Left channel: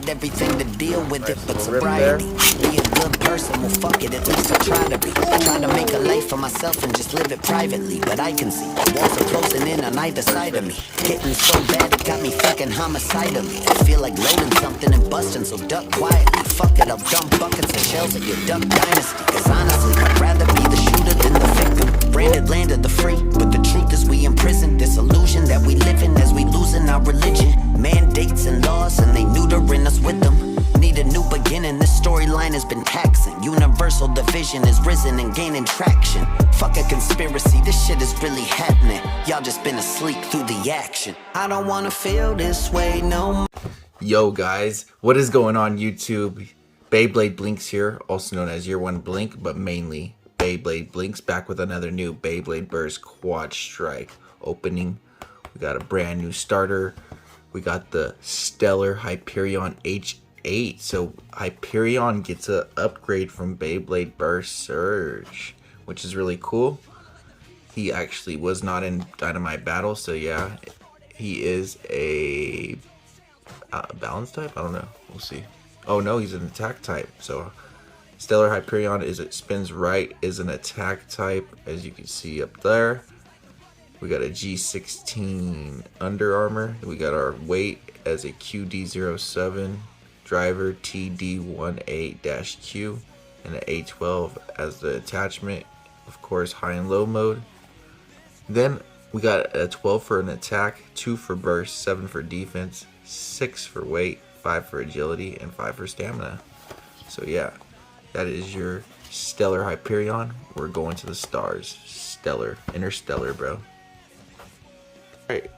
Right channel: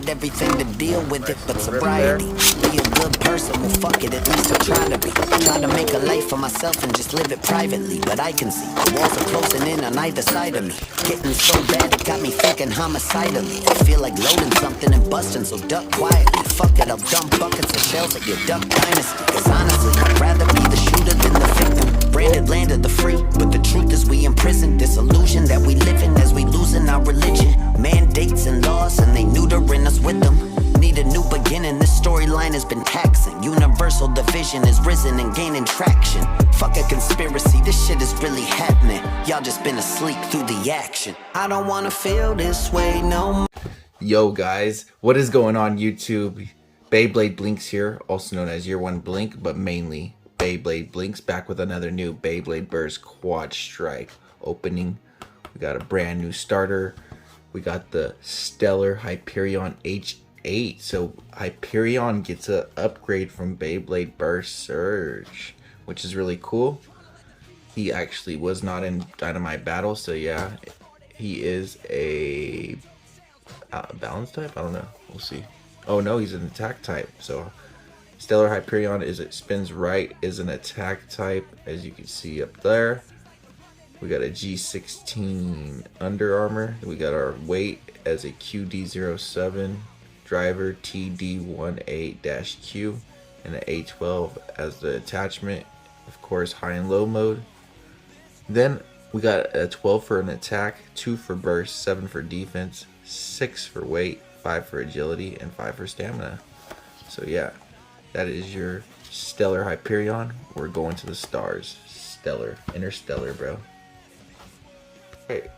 got everything to deal with it but sobriety. Be a good person, well fuck it, at least I try to be. Try to make a life for myself and just live it privately. But I can see the walls are closing in on either side of me. Getting so bad it got me thinking homicidally. I feel like loading something and busting, so duck quietly. Fuck it, I'll dump buckets of shells at your duck dynasty. Cause honestly, I'd rather be the shooter than the victim. Branded land of the free, but the truth is we imprison this illusion that we live in as we losing our religion. Mandates and laws and they neutering us with them. Need a new beginning, this storyline has been taxing. Universal division is risen and gaining traction. Fuck a conspiracy, this shit is really happening. Y'all just been asleep through the action. I don't wanna feel this way no more. Yo guys, what is going on YouTube? Beyblade Blinks here, also known as Year 1 Blink, but mainly Beyblade Blinks, back with another new Beyblade Burst Quadstrike opening. We got a brand new starter. We got the Stellar Hyperion H8. So Hyperion gets an upgrade from Beyblade Burst Surge, which is really cool. He actually was not in Dynamite Battle, so yeah, he is a balance type? I don't know. We'll see. Oh no, he's an attack type. So Stellar Hyperion spins right, is an attack type, as you can see up there. We got a G16 Under Armor. We got our weight as a QD07, driver TD18-Q, and an A12 as the attachment. Of course, high and low mode. Then we got a 12 for an attack, 2 for burst, 7 for defense, 6 for weight, 5 for agility, and 5 for stamina. So yeah, that is your Stellar Hyperion. We're going to the stars. Stellar, interstellar, bro. Alright,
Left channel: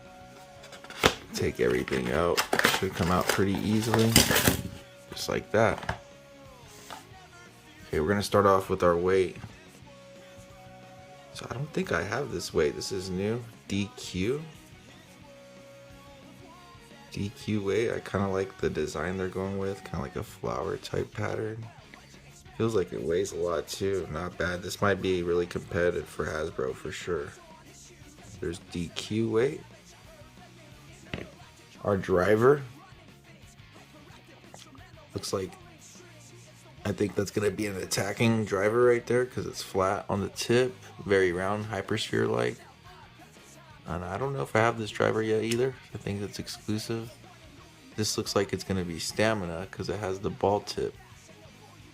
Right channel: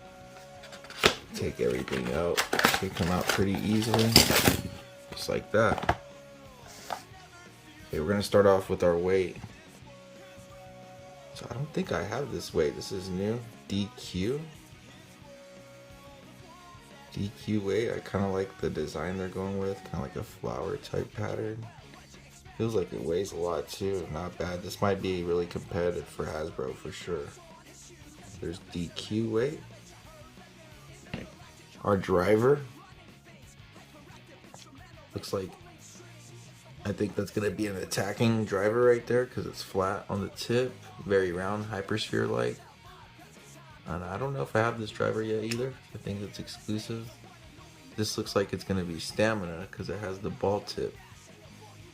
take everything out. Should come out pretty easily, just like that. Okay, we're gonna start off with our weight. So I don't think I have this weight. This is new. DQ weight. I kind of like the design they're going with, kind of like a flower type pattern. Feels like it weighs a lot too. Not bad. This might be really competitive for Hasbro for sure. There's DQ weight. Our driver looks like, I think that's gonna be an attacking driver right there because it's flat on the tip, very round, hypersphere like. And I don't know if I have this driver yet either. I think it's exclusive. This looks like it's gonna be stamina because it has the ball tip.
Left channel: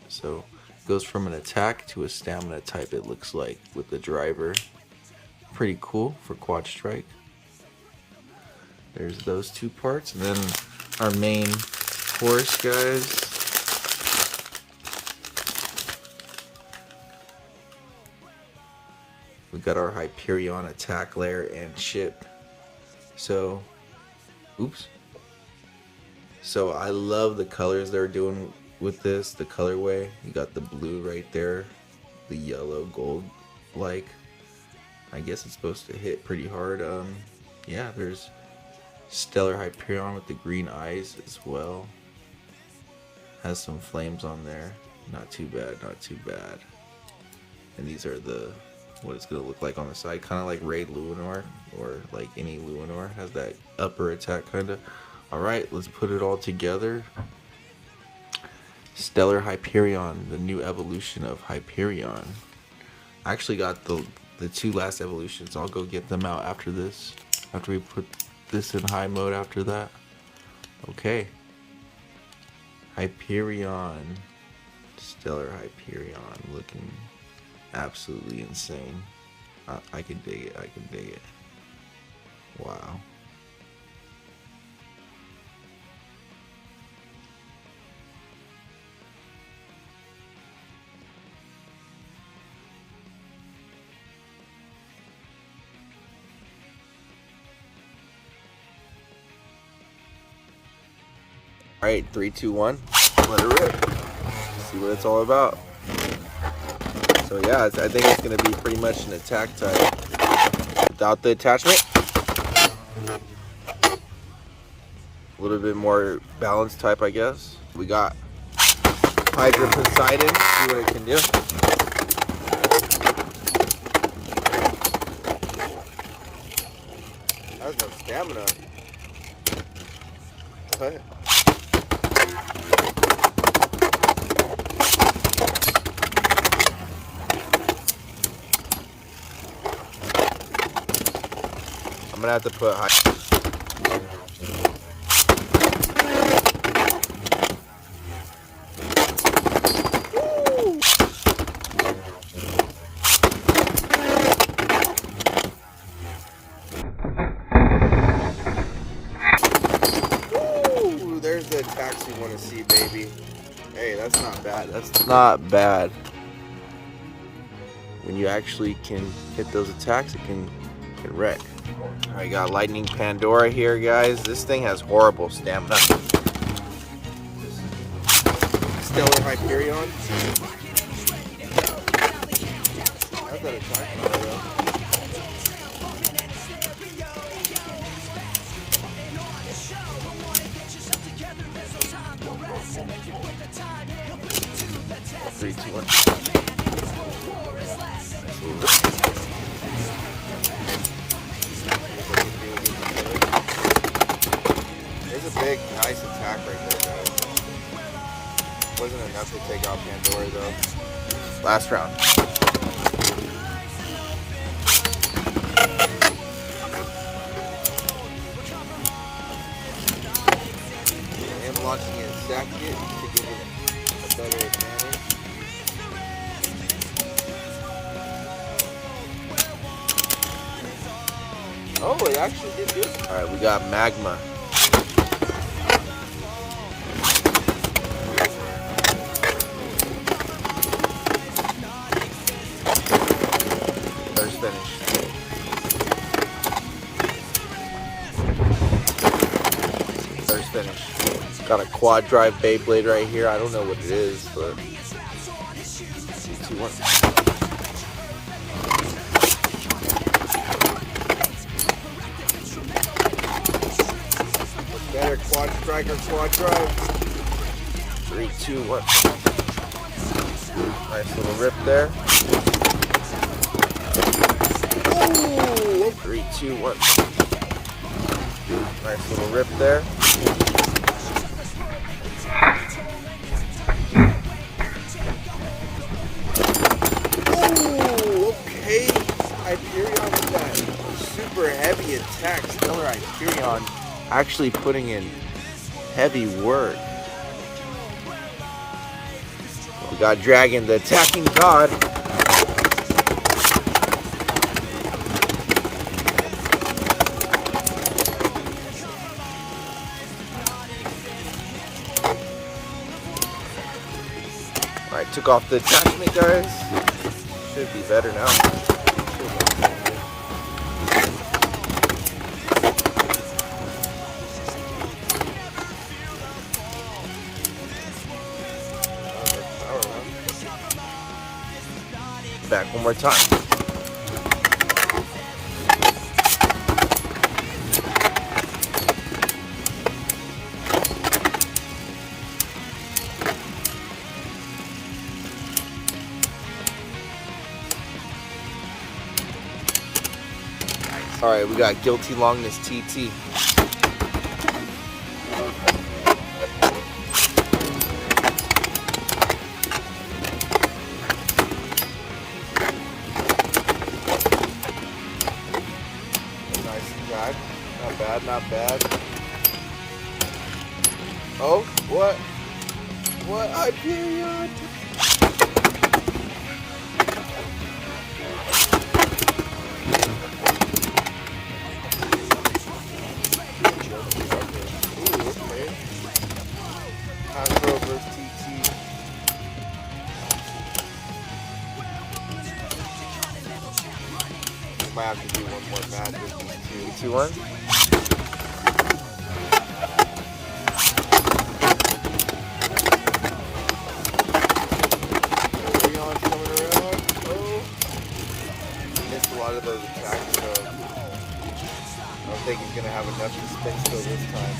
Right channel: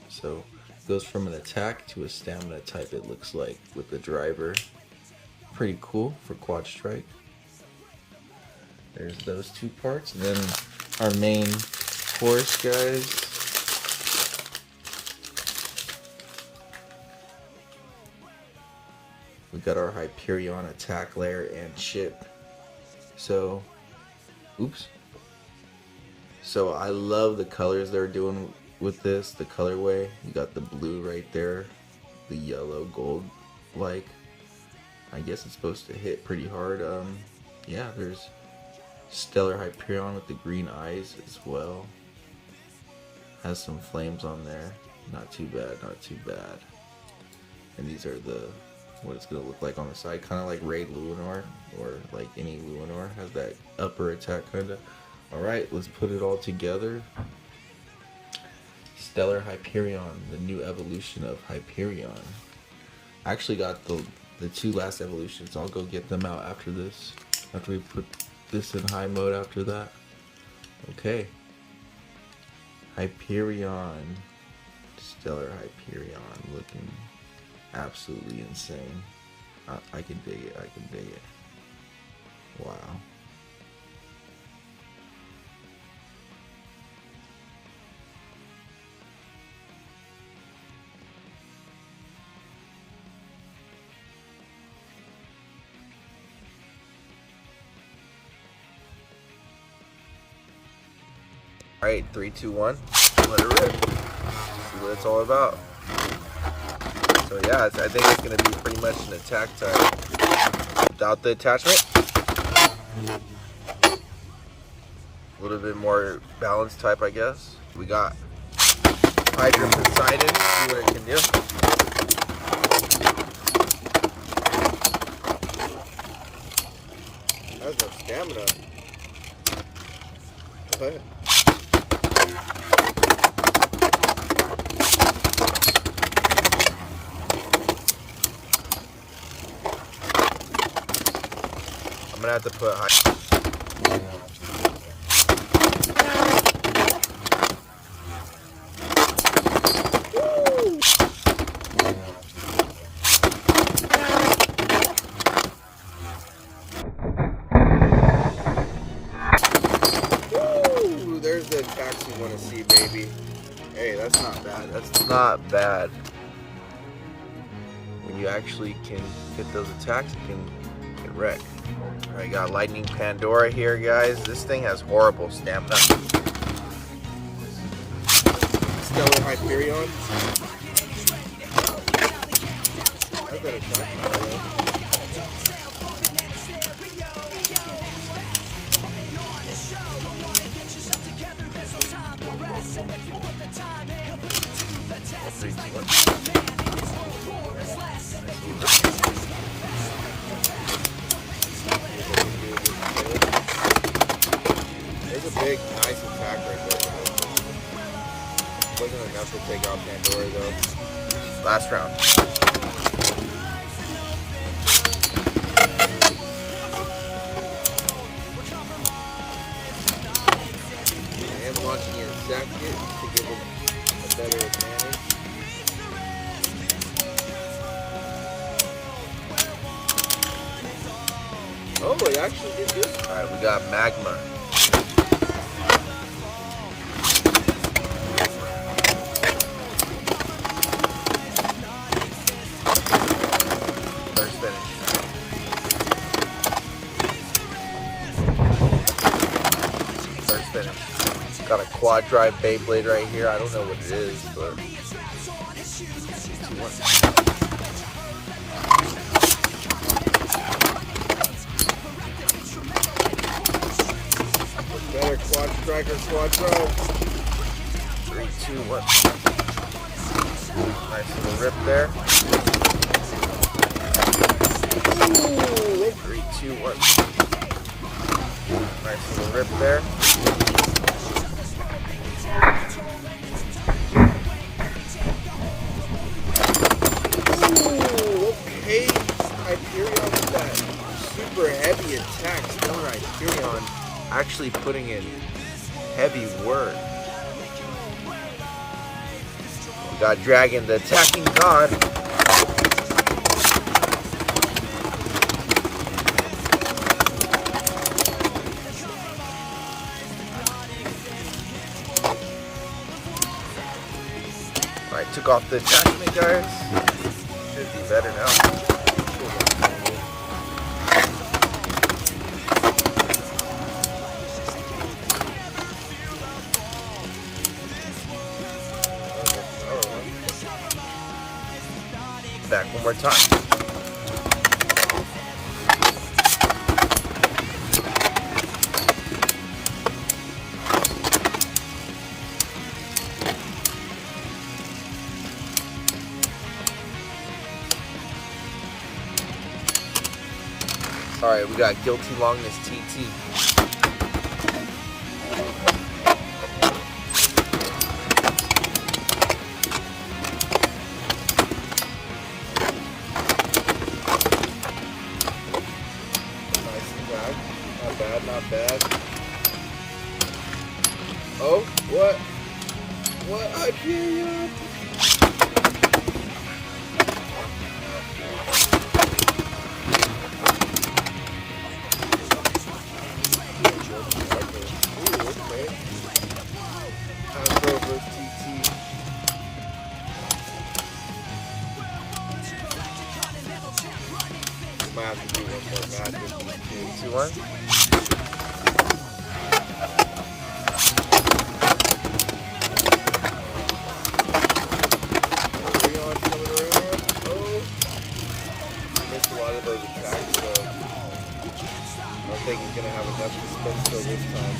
So it goes from an attack to a stamina type, it looks like, with the driver. Pretty cool for Quadstrike. There's those two parts, and then our main horse, guys. We got our Hyperion attack layer and chip. So, oops. So I love the colors they're doing with this, the colorway. You got the blue right there, the yellow gold like. I guess it's supposed to hit pretty hard. Yeah, there's Stellar Hyperion with the green eyes as well. Has some flames on there. Not too bad, not too bad. And these are what it's gonna look like on the side, kind of like Raid Luinor, or like any Luinor has that upper attack kind of. All right, let's put it all together. Stellar Hyperion, the new evolution of Hyperion. I actually got the two last evolutions. I'll go get them out after this, after we put this in high mode after that. Okay, Hyperion, Stellar Hyperion, looking absolutely insane. I can dig it, I can dig it. Wow. Alright, 3, 2, 1. Let it roll. See what it's all about. So yeah, I think it's going to be pretty much an attack type without the attachment. A little bit more balanced type, I guess. We got Hyper Poseidon. See what it can do. That's no stamina. Okay. have to put Ooh, there's the attacks you want to see, baby. Hey, that's not bad. That's not bad. When you actually can hit those attacks, it can get red. I got Lightning Pandora here, guys. This thing has horrible stamina. Stellar Hyperion. Big, nice attack right there, guys. Wasn't enough to take out Pandora though. Last round. And launching it exactly to give it a better advantage. Oh, it actually did good. Alright, we got Magma. Got a quad drive Beyblade right here. I don't know what it is, but another Quadstrike and quad drive. 3, 2, 1. Nice little rip there. Ooh, 3, 2, 1. Nice little rip there. Super heavy attack. Stellar Hyperion actually putting in heavy work. We got Dragon, the attacking god. Alright, took off the attachment, guys. Should be better now. Back one more time. Alright, we got Guilty Longness TT. Not bad. Oh, what? What? Hyperion! Might have to do one more match. 3, 2, 1. He's gonna have a much space for this time.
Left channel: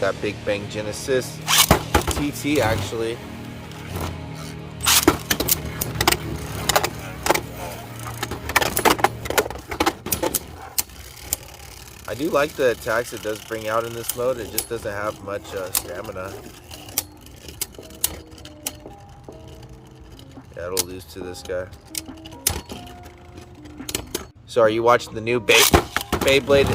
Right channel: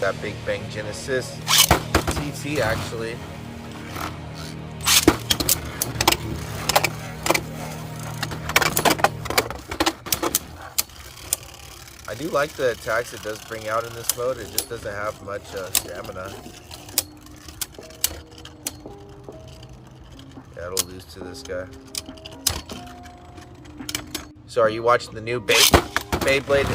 That Big Bang Genesis TT actually. I do like the attacks it does bring out in this mode. It just doesn't have much stamina. Yeah, That'll lose to this guy. So are you watching the new Beyblade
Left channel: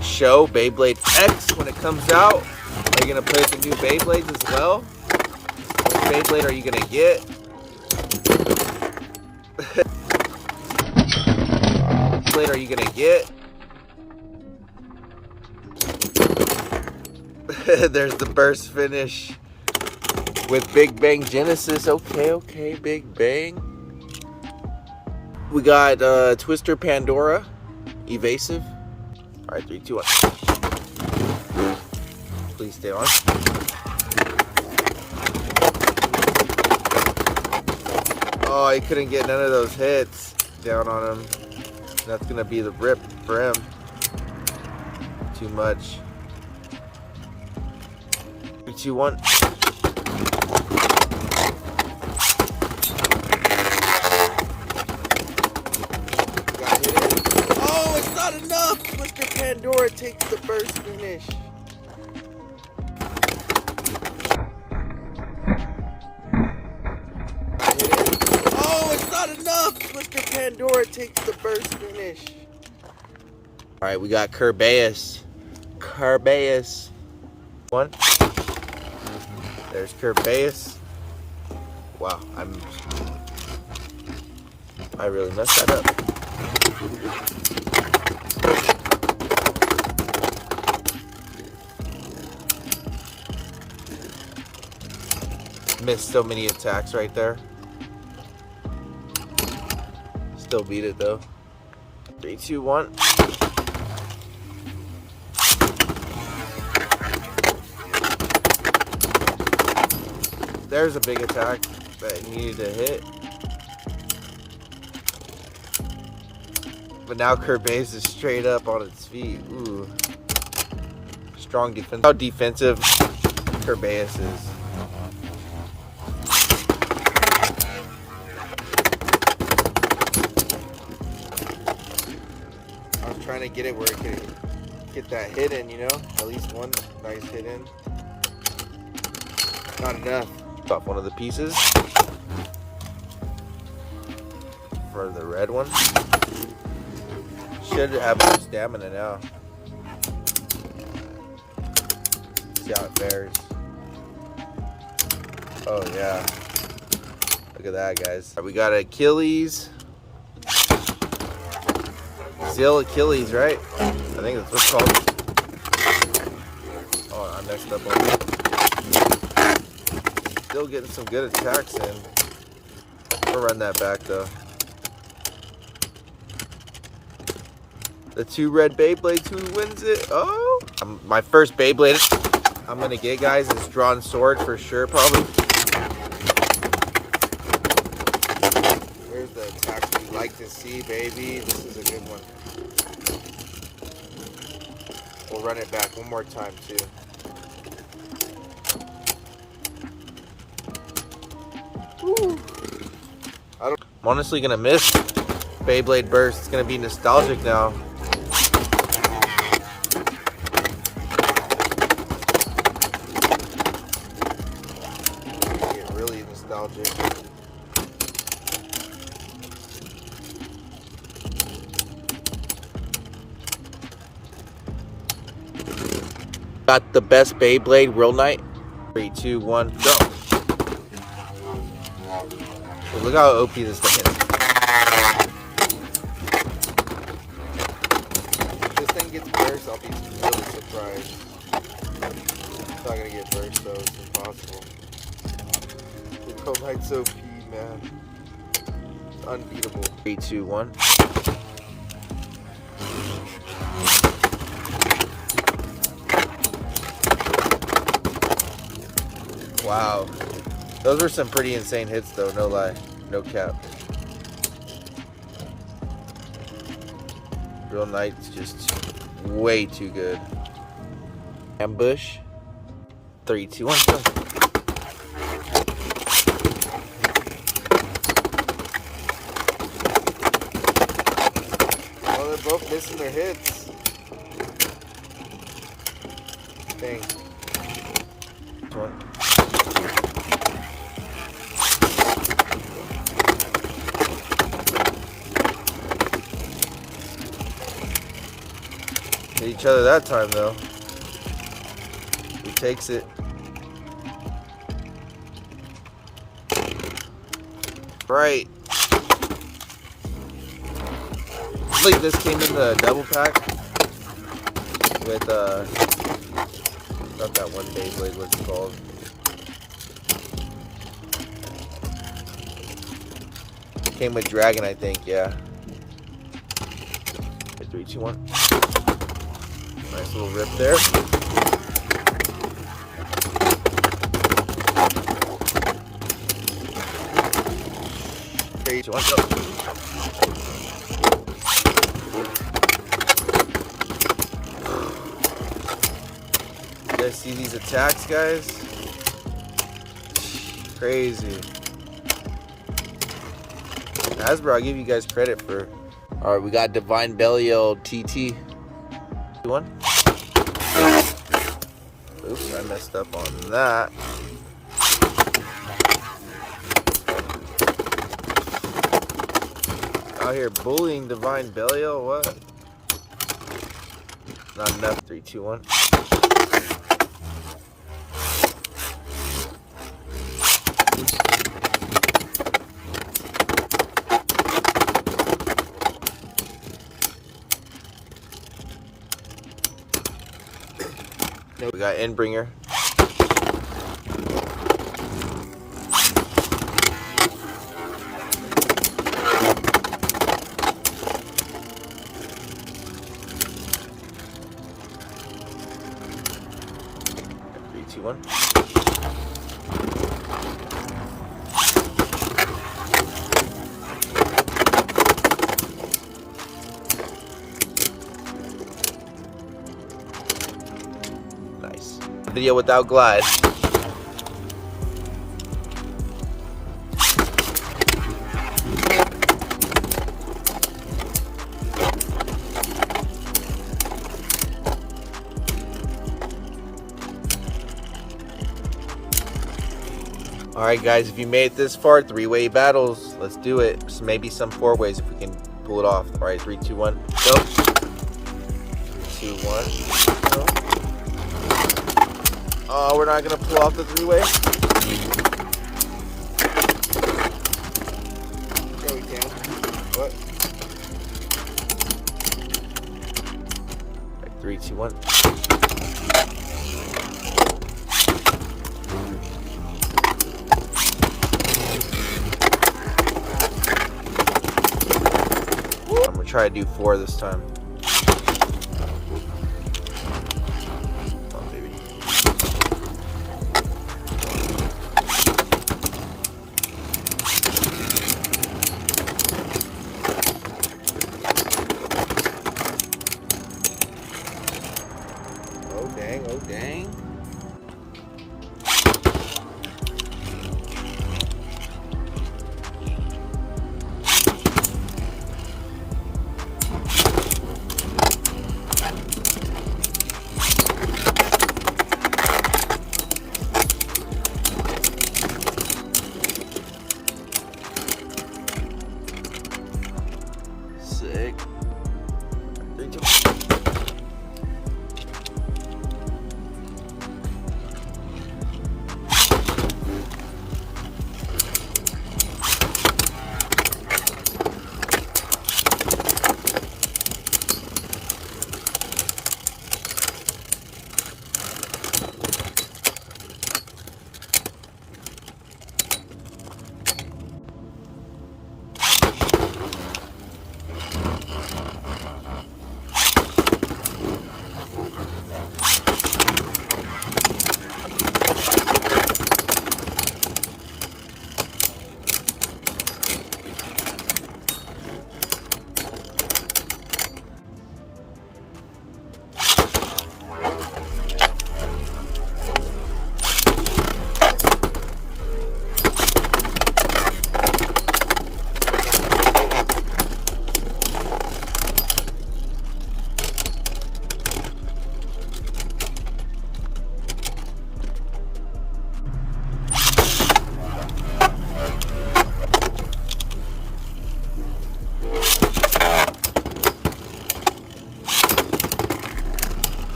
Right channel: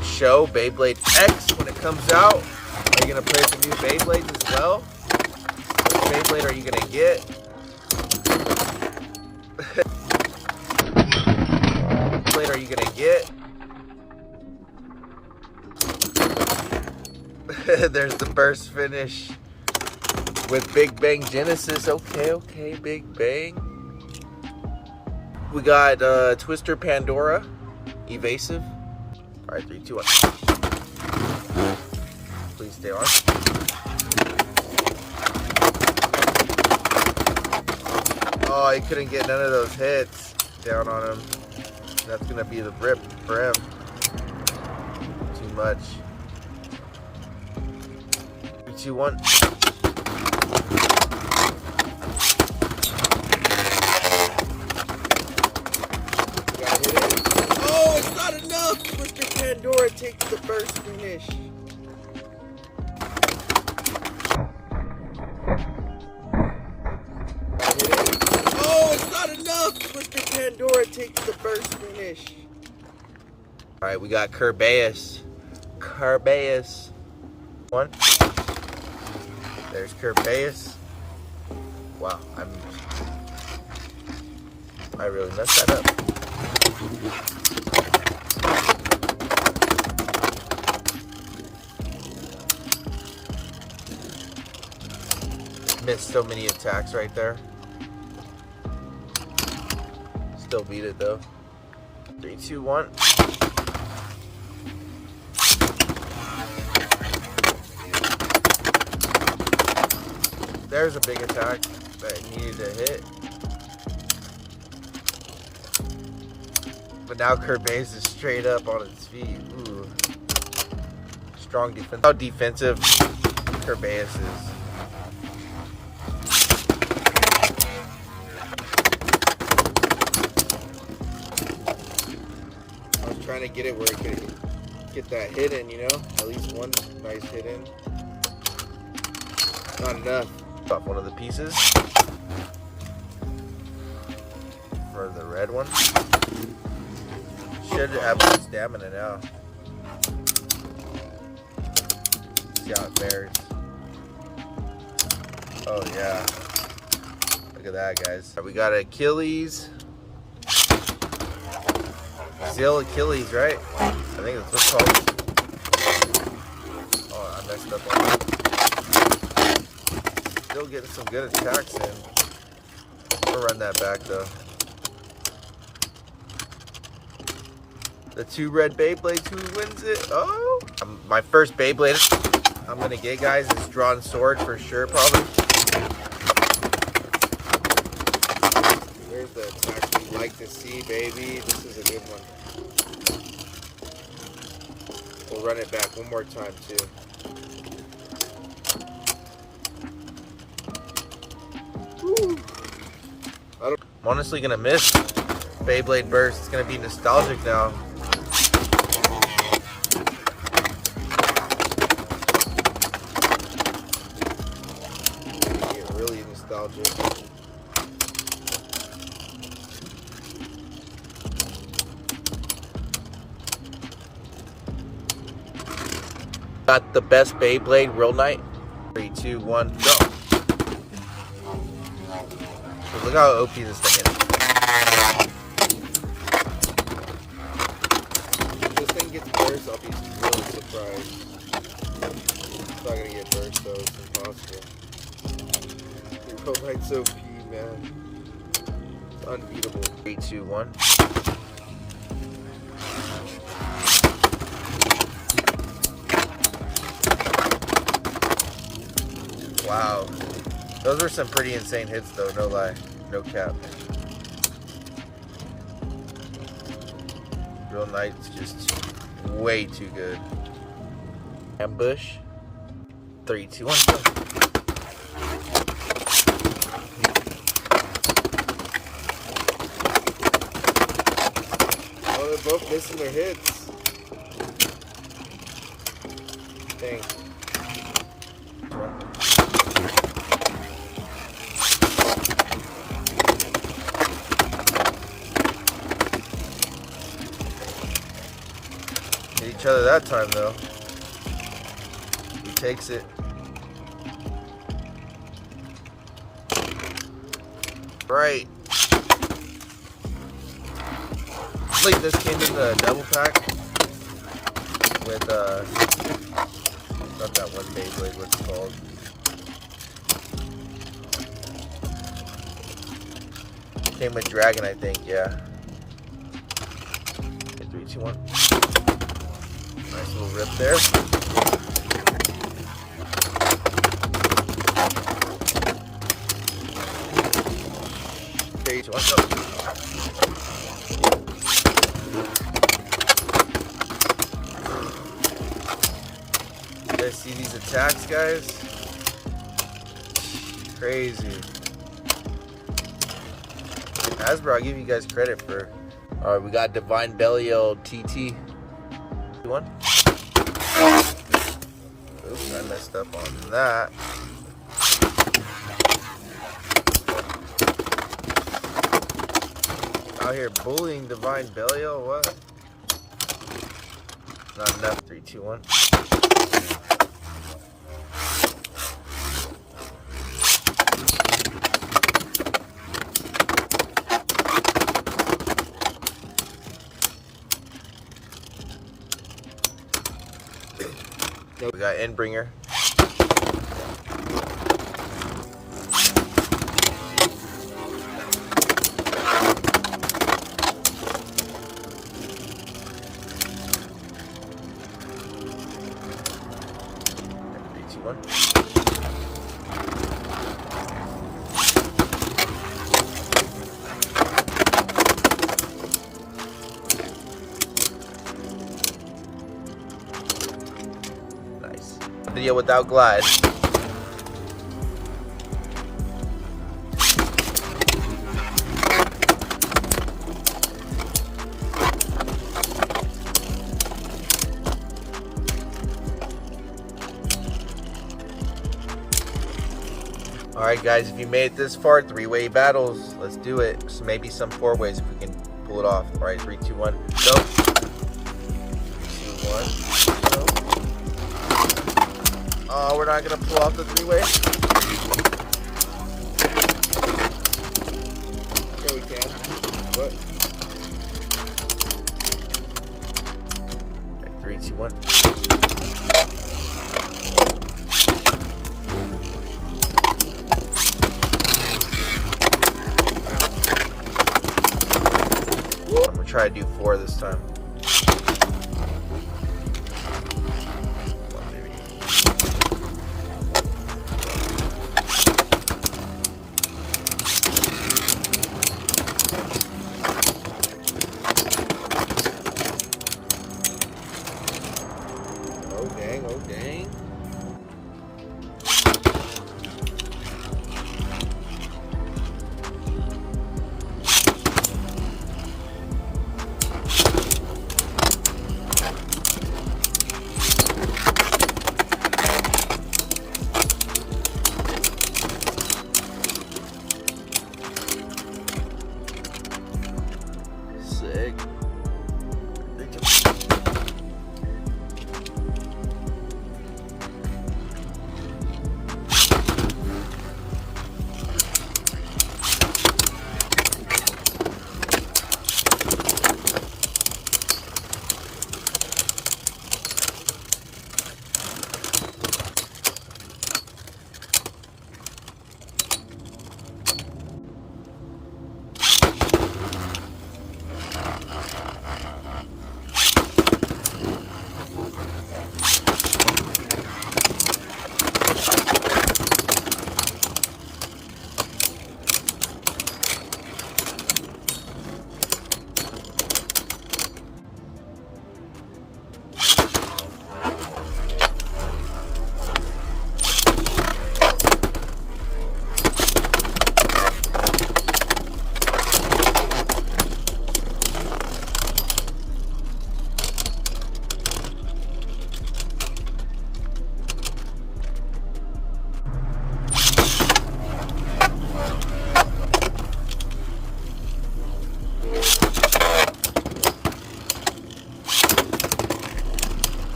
show, Beyblade X, when it comes out? Are you gonna play the new Beyblades as well? Which Beyblade are you gonna get? Which Beyblade are you gonna get? There's the burst finish with Big Bang Genesis. Okay, Big Bang. We got Twister Pandora, Evasive. All right, 3, 2, 1. Please stay on. Oh, he couldn't get none of those hits down on him. That's gonna be the rip for him. Too much. 3, 2, 1. Oh, it's not enough. Mr. Pandora takes the first finish. Oh, it's not enough. Mr. Pandora takes the first finish. All right, we got Kerbeus. One. There's Kerbeus. Wow, I really messed that up. Missed so many attacks right there. Still beat it though. 3, 2, 1. There's a big attack that needed to hit. But now Kerbeus is straight up on its feet. Ooh. Strong defense. How defensive Kerbeus is. I'm trying to get it where it could get that hit in, you know? At least one nice hit in. Not enough. Got one of the pieces. For the red one. Should have some stamina now. See how it fares. Oh yeah. Look at that, guys. We got Achilles. Still Achilles, right? I think it's what's called. Oh, I messed up on that. Still getting some good attacks in. We'll run that back though. The 2 red Beyblades, who wins it? Oh! My first Beyblade I'm gonna get, guys, is Drawn Sword for sure, probably. There's the attack we like to see, baby. This is a good one. We'll run it back one more time, too. Woo. I'm honestly gonna miss Beyblade Burst. It's gonna be nostalgic now. Really nostalgic. Got the best Beyblade real night. 3, 2, 1, go. Look how OP this thing is. If this thing gets burst, I'll be really surprised. It's not gonna get burst though, it's impossible. The Beyblade so OP, man. It's unbeatable. 3, 2, 1. Wow. Those were some pretty insane hits though, no lie. No cap. Real Knight's just way too good. Ambush. 3, 2, 1. Oh, they're both missing the hits. Dang. Hit each other that time though. He takes it. Right. I believe this came in the double pack with what that one Beyblade was called. Came with Dragon, I think, yeah. 3, 2, 1. Nice little rip there. 3, 2, 1. You guys see these attacks, guys? Crazy. Hasbro, I'll give you guys credit for. Alright, we got Divine Belial TT. One. Oops, I messed up on that. Out here bullying Divine Belial, what? Not enough. 3, 2, 1. We got Endbringer. Three, two, one. Video without glide. Alright guys, if you made it this far, 3-way battles, let's do it. Just maybe some 4-ways if we can pull it off. Alright, 3, 2, 1, go. 3, 2, 1. Oh, we're not gonna pull off the 3-way. What? 3, 2, 1. I'm gonna try to do 4 this time. Oh dang, oh dang. Sick.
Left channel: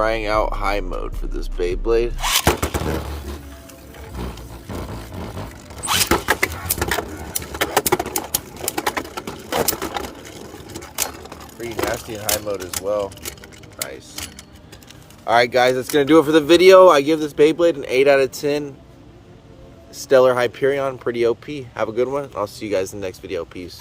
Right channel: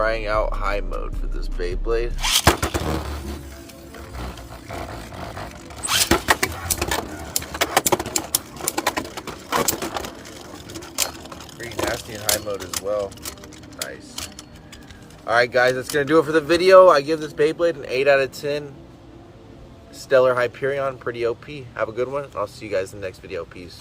trying out high mode for this Beyblade. Pretty nasty in high mode as well. Nice. Alright guys, that's going to do it for the video. I give this Beyblade an 8 out of 10. Stellar Hyperion, pretty OP. Have a good one. I'll see you guys in the next video. Peace.